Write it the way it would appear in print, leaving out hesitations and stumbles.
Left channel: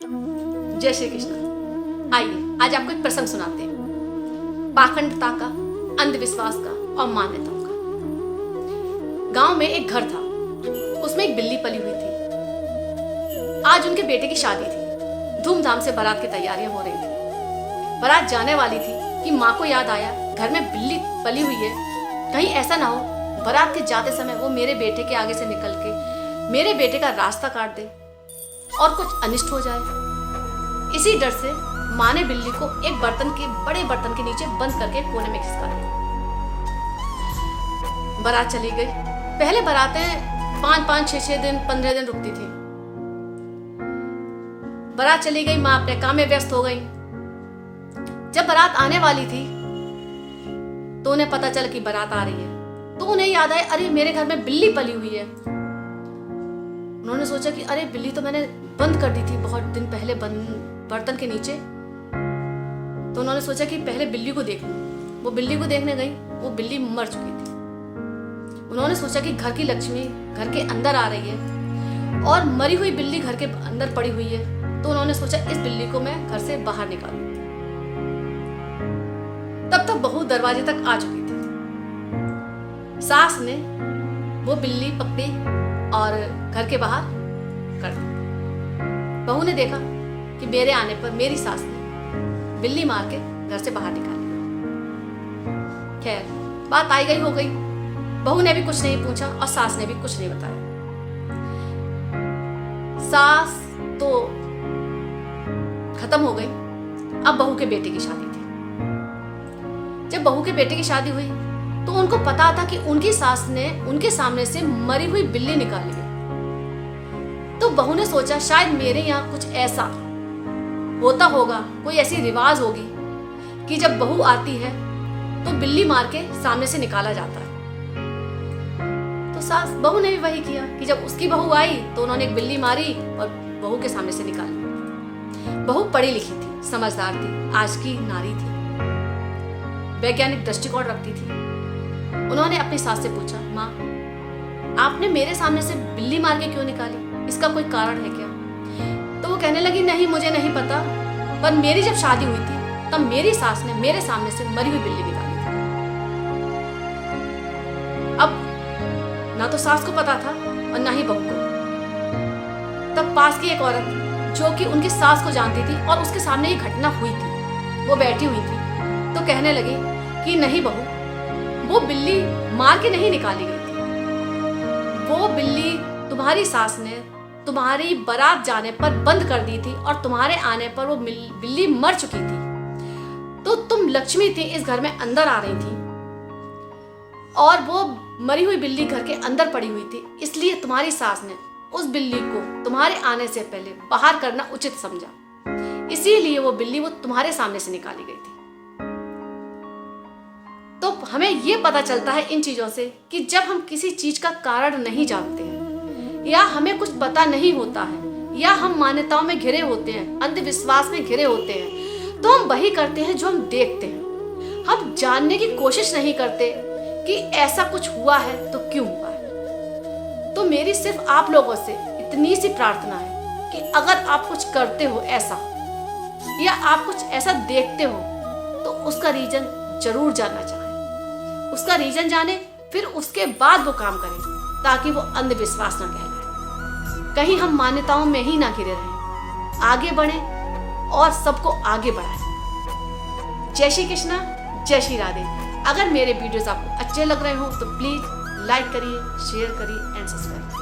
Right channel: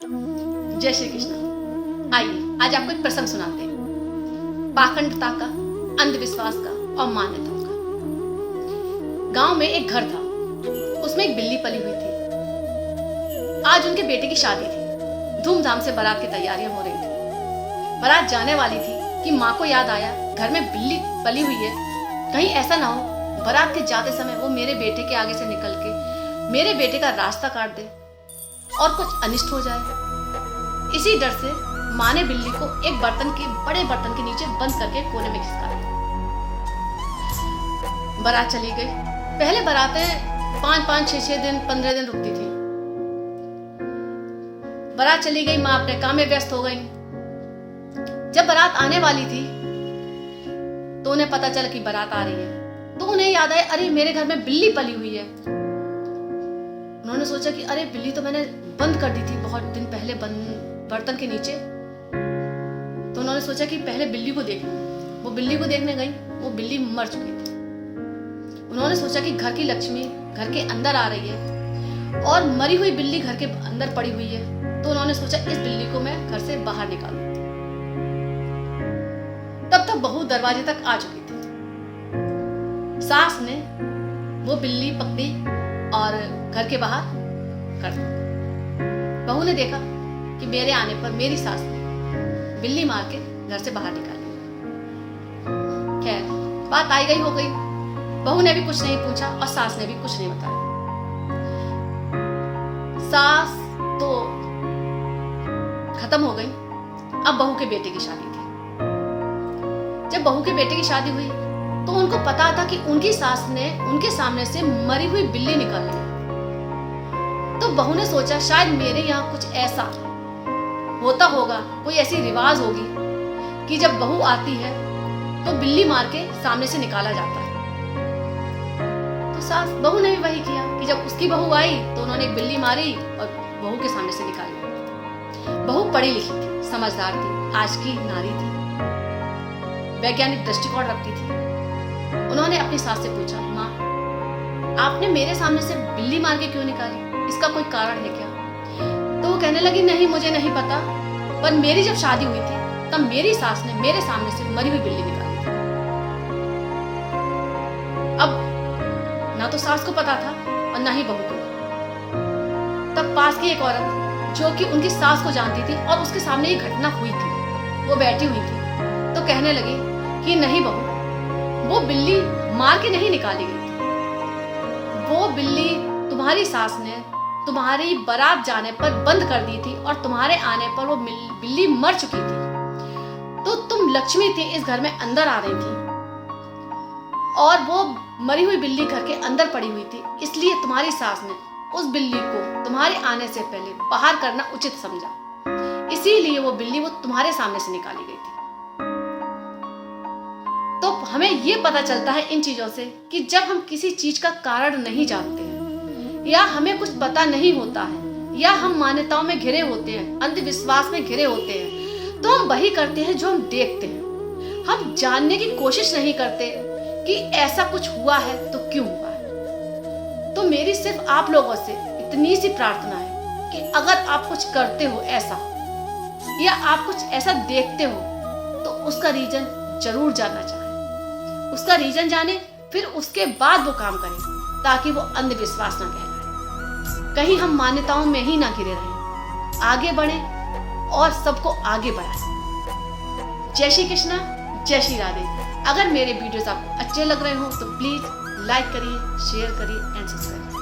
जय श्री कृष्ण। आइए आज आपको एक प्रसंग सुनाते हैं, पाखंडता का, अंधविश्वास का और मान्यताओं का। गांव में एक घर था, उसमें एक बिल्ली पली हुई थी। आज उनके बेटे की शादी थी। धूमधाम से बारात की तैयारियां हो रही थी। बारात जाने वाली थी कि माँ को याद आया घर में बिल्ली पली हुई है, कहीं ऐसा ना हो बारात के जाते समय वो मेरे बेटे के आगे से निकल के मेरे बेटे का रास्ता काट दे और कुछ अनिष्ट हो जाए। इसी डर से माँ ने बिल्ली को एक बड़े बर्तन के नीचे बंद करके कोने में खिसका दिया। बारात चली गई। पहले बारातें 5-5, 6-6 दिन, 15 दिन रुकती थी। बारात चली गई, माँ अपने काम में व्यस्त हो गई। जब बारात आने वाली थी तो उन्हें पता चला कि बारात आ रही है, तो उन्हें याद आया, अरे मेरे घर में बिल्ली पली हुई है। उन्होंने सोचा कि अरे बिल्ली तो मैंने बंद कर दी थी बहुत दिन पहले बर्तन के नीचे। तो उन्होंने सोचा कि पहले बिल्ली को देख लूं। वो बिल्ली को देखने गई, वो बिल्ली मर चुकी थी। उन्होंने सोचा कि घर की लक्ष्मी घर के अंदर आ रही है और मरी हुई बिल्ली घर के अंदर पड़ी हुई है, तो उन्होंने सोचा इस बिल्ली को मैं घर से बाहर निकालूं। तब तक बहू दरवाजे तक आ चुकी थी। सास ने वो बिल्ली पकड़ी और घर के बाहर कर दी। बहू ने देखा कि मेरे आने पर मेरी सास ने बिल्ली मार के घर से बाहर निकाल दिया। खैर बात आई गई हो गई। बहू ने भी कुछ नहीं पूछा और सास ने भी कुछ नहीं बताया। सास तो खत्म हो गई। अब बहू के बेटे की शादी थी। जब बहू के बेटे की शादी हुई तो उनको पता था कि उनकी सास ने उनके सामने से मरी हुई बिल्ली निकाल ली। तो बहू ने सोचा शायद मेरे यहाँ कुछ ऐसा होता होगा, कोई ऐसी रिवाज होगी कि जब बहू आती है तो बिल्ली मार के सामने से निकाला जाता है। तो बहू ने भी वही किया कि जब उसकी बहू आई तो उन्होंने एक बिल्ली मारी और बहू के सामने से निकाली। बहू पढ़ी लिखी थी, समझदार थी, आज की नारी थी, वैज्ञानिक दृष्टिकोण रखती थी। उन्होंने अपनी सास से पूछा, माँ आपने मेरे सामने से बिल्ली मार के क्यों निकाली, इसका कोई कारण है क्या? तो वो कहने लगी, नहीं मुझे नहीं पता, पर मेरी जब शादी हुई थी तब मेरी सास ने मेरे सामने से मरी हुई बिल्ली निकाली थी। अब ना तो सास को पता था और ना ही बहू को। तब पास की एक औरत जो कि उनकी सास को जानती थी और उसके सामने ये घटना हुई थी, वो बैठी हुई थी, तो कहने लगी कि नहीं बहू, वो बिल्ली मार के नहीं निकाली गई थी। वो बिल्ली तुम्हारी सास ने तुम्हारी बारात जाने पर बंद कर दी थी और तुम्हारे आने पर वो बिल्ली मर चुकी थी। तो तुम लक्ष्मी थी, इस घर में अंदर आ रही थी और वो मरी हुई बिल्ली घर के अंदर पड़ी हुई थी, इसलिए तुम्हारी सास ने उस बिल्ली को तुम्हारे आने से पहले बाहर करना उचित समझा, इसीलिए वो बिल्ली वो तुम्हारे सामने से निकाली गई थी। तो हमें ये पता चलता है इन चीजों से कि जब हम किसी चीज का कारण नहीं जानते हैं या हमें कुछ पता नहीं होता है या हम मान्यताओं में घिरे होते हैं, अंधविश्वास में घिरे होते हैं, तो हम वही करते हैं जो हम देखते हैं। हम जानने की कोशिश नहीं करते कि ऐसा कुछ हुआ है तो क्यों हुआ है। तो मेरी सिर्फ आप लोगों से इतनी सी प्रार्थना है कि अगर आप कुछ करते हो ऐसा या आप कुछ ऐसा देखते हो तो उसका रीजन जरूर जानना चाहिए। उसका रीजन जाने, फिर उसके बाद वो काम करें ताकि वो अंधविश्वास न रहे, कहीं हम मान्यताओं में ही ना घिरे रहें, आगे बढ़े और सबको आगे बढ़ाएं। जय श्री कृष्णा, जय श्री राधे। अगर मेरे वीडियोस आपको अच्छे लग रहे हो तो प्लीज लाइक करिए, शेयर करिए एंड सब्सक्राइब।